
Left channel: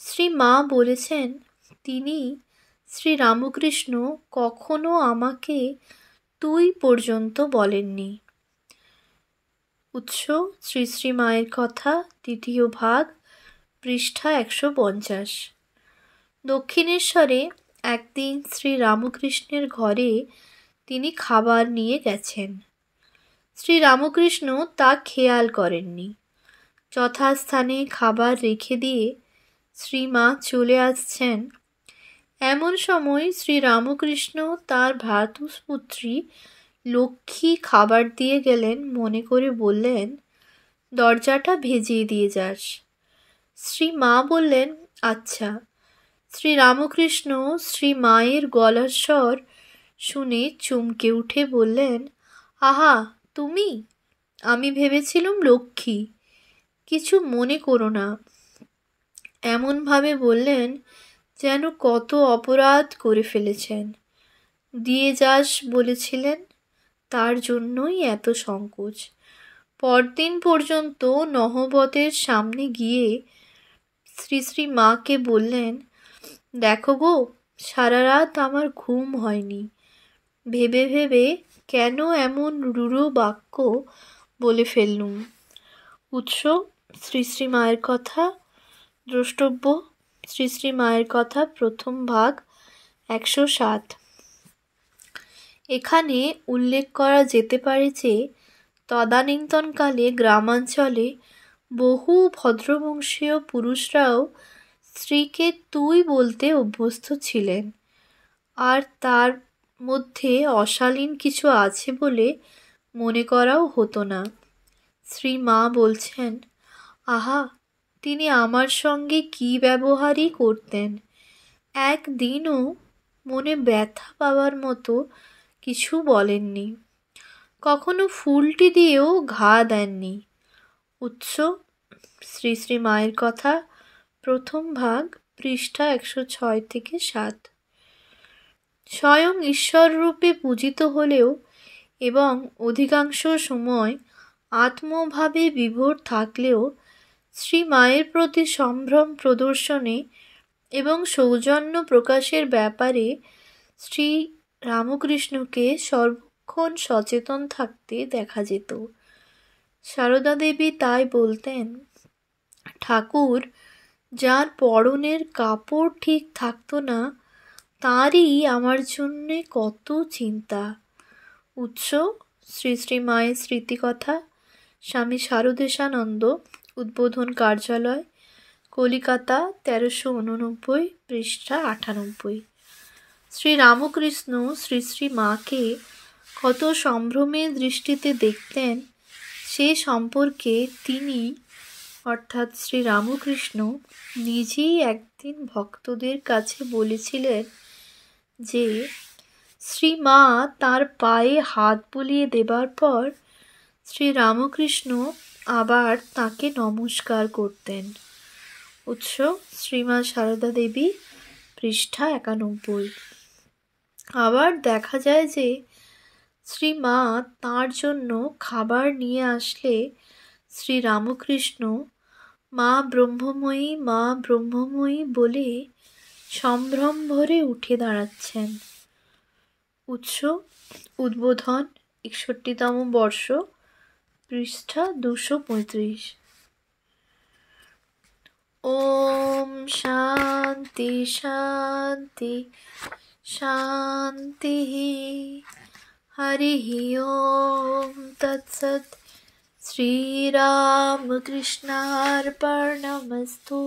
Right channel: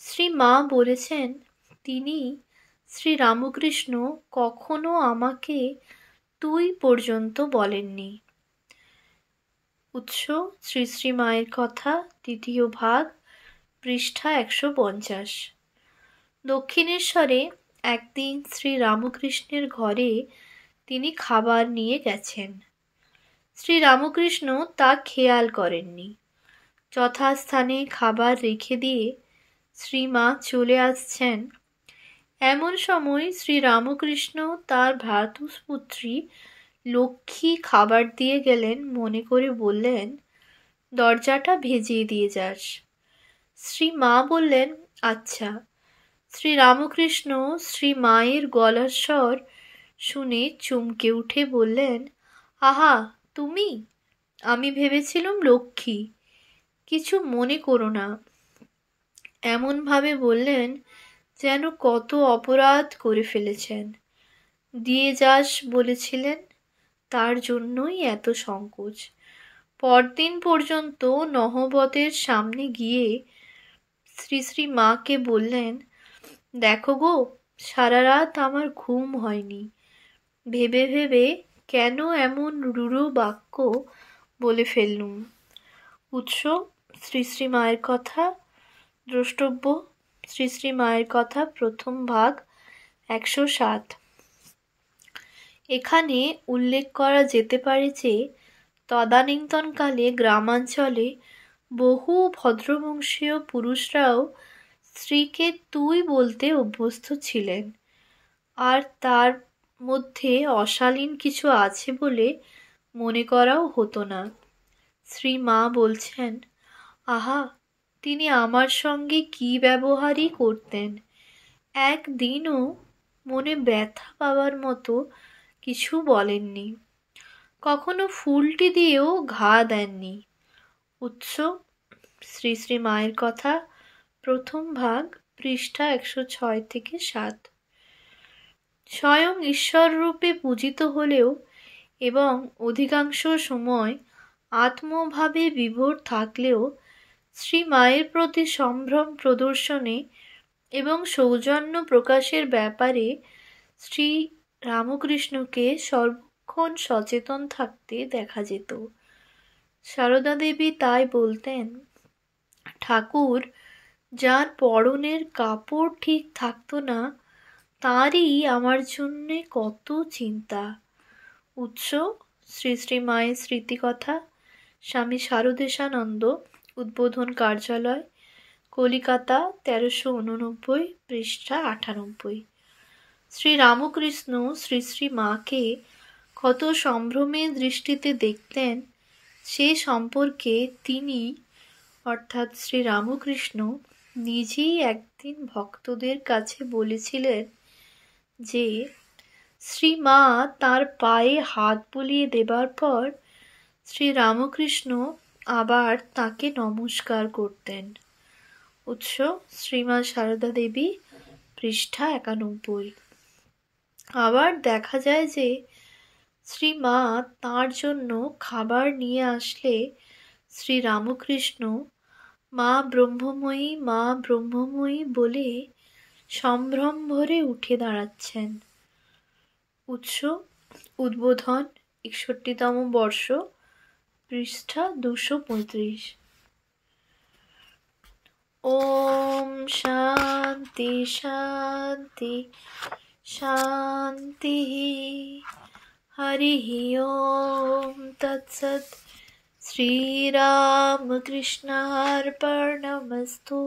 শ্রী মা বলেছেন, তিনি শ্রী রামকৃষ্ণ কখনো আমাকে তুই পর্যন্ত বলেননি। উৎস শ্রী শ্রী মায়ের কথা, দ্বিতীয় ভাগ, পৃষ্ঠা 150। দক্ষিণেশ্বরে একদিন শ্রী রামকৃষ্ণের ঘরে তিনি খাবার নিয়ে গেছেন। শ্রী রামকৃষ্ণ তা খেয়াল করেননি। যথাস্থানে খাবার রেখে দিয়ে শ্রী মা চলে আসছেন। এমন সময় শ্রী রামকৃষ্ণ তার ভ্রাতুষ্পুত্রী লক্ষ্মী খাবার দিয়ে গেলেন মনে করে বললেন, দরজাটা ভেজিয়ে দিয়ে যাস। শ্রী মা বললেন, আচ্ছা। শ্রী রামকৃষ্ণ শ্রী মায়ের গলার স্বর শুনে চমকে উঠে বললেন, আহা, তুমি? আমি ভেবেছিলুম লক্ষ্মী। কিছু মনে করো না। এমনভাবে বললেন যেন কত অপরাধ করে ফেলেছেন। দিয়ে যাস বলেছিলেন, তার জন্যই এত সংকোচ। পরদিন পর্যন্ত নহবতের সামনে গিয়ে শ্রী শ্রী মাকে বললেন, দেখো গো, সারা রাত আমার ঘুম হয়নি। ভেবে ভেবে কেন এমন রূঢ় বাক্য বলে ফেললুম। উৎস শ্রী শ্রী মায়ের কথা, দ্রষ্টব্য, শ্রী শ্রী মায়ের কথা প্রথম ভাগ 107। এখানে উল্লেখ করা যেতে পারে যে তদানীন্তনকালে গ্রামাঞ্চলে বহু ভদ্রবংশীয় পুরুষরাও স্ত্রীকে তুই বলতে অভ্যস্ত ছিলেন, আর তার মধ্যে অশালীন কিছু আছে বলে মনে করাও হতো না। শ্রী মা বলছেন, আহা, তিনি আমার সঙ্গে কি ব্যবহারই করতেন, একদিনও মনে ব্যথা পাওয়ার মতো কিছু বলেননি, কখনো ফুলটি দিয়েও ঘা দেননি। উৎস শ্রী শ্রী মায়ের কথা প্রথম ভাগ পৃষ্ঠা 106-7। স্বয়ং ঈশ্বররূপে পূজিত হলেও এবং অধিকাংশ সময় আত্মভাবে বিভোর থাকলেও শ্রী মায়ের প্রতি সম্ভ্রম প্রদর্শনে এবং সৌজন্য প্রকাশের ব্যাপারে শ্রী রামকৃষ্ণকে সর্বক্ষণ সচেতন থাকতে দেখা যেত। সারদা দেবী তাই বলতেন, ঠাকুর যার পরনের কাপড় ঠিক থাকতো না, তারই আমার জন্যে কত চিন্তা। উৎস শ্রী শ্রী মায়ের স্মৃতিকথা, স্বামী শারদেশানন্দ, উদ্বোধন কার্যালয়, কলিকাতা, 1389, পৃষ্ঠা 98। শ্রী রামকৃষ্ণ শ্রী শ্রী মাকে কত সম্ভ্রমের দৃষ্টিতে দেখতেন সে সম্পর্কে তিনি অর্থাৎ শ্রী রামকৃষ্ণ নিজেই একদিন ভক্তদের কাছে বলেছিলেন যে শ্রী মা তার পায়ে হাত বুলিয়ে দেবার পর শ্রী রামকৃষ্ণ আবার তাকে নমস্কার করতেন। উৎস শ্রীমা সারদা দেবী, পৃষ্ঠা 91। আবার দেখা যায় যে শ্রী মা তাঁর জন্য খাবার নিয়ে আসলে শ্রী রামকৃষ্ণ মা ব্রহ্মময়ী, মা ব্রহ্মময়ী বলে সম্ভ্রম ভরে উঠে দাঁড়াচ্ছেন। উৎস উদ্বোধন 61তম বর্ষ, পৃষ্ঠা 235। ওম শান্তি শান্তি শান্তি। হরি ওম তৎসৎ। শ্রীরামকৃষ্ণার্পণমস্তু।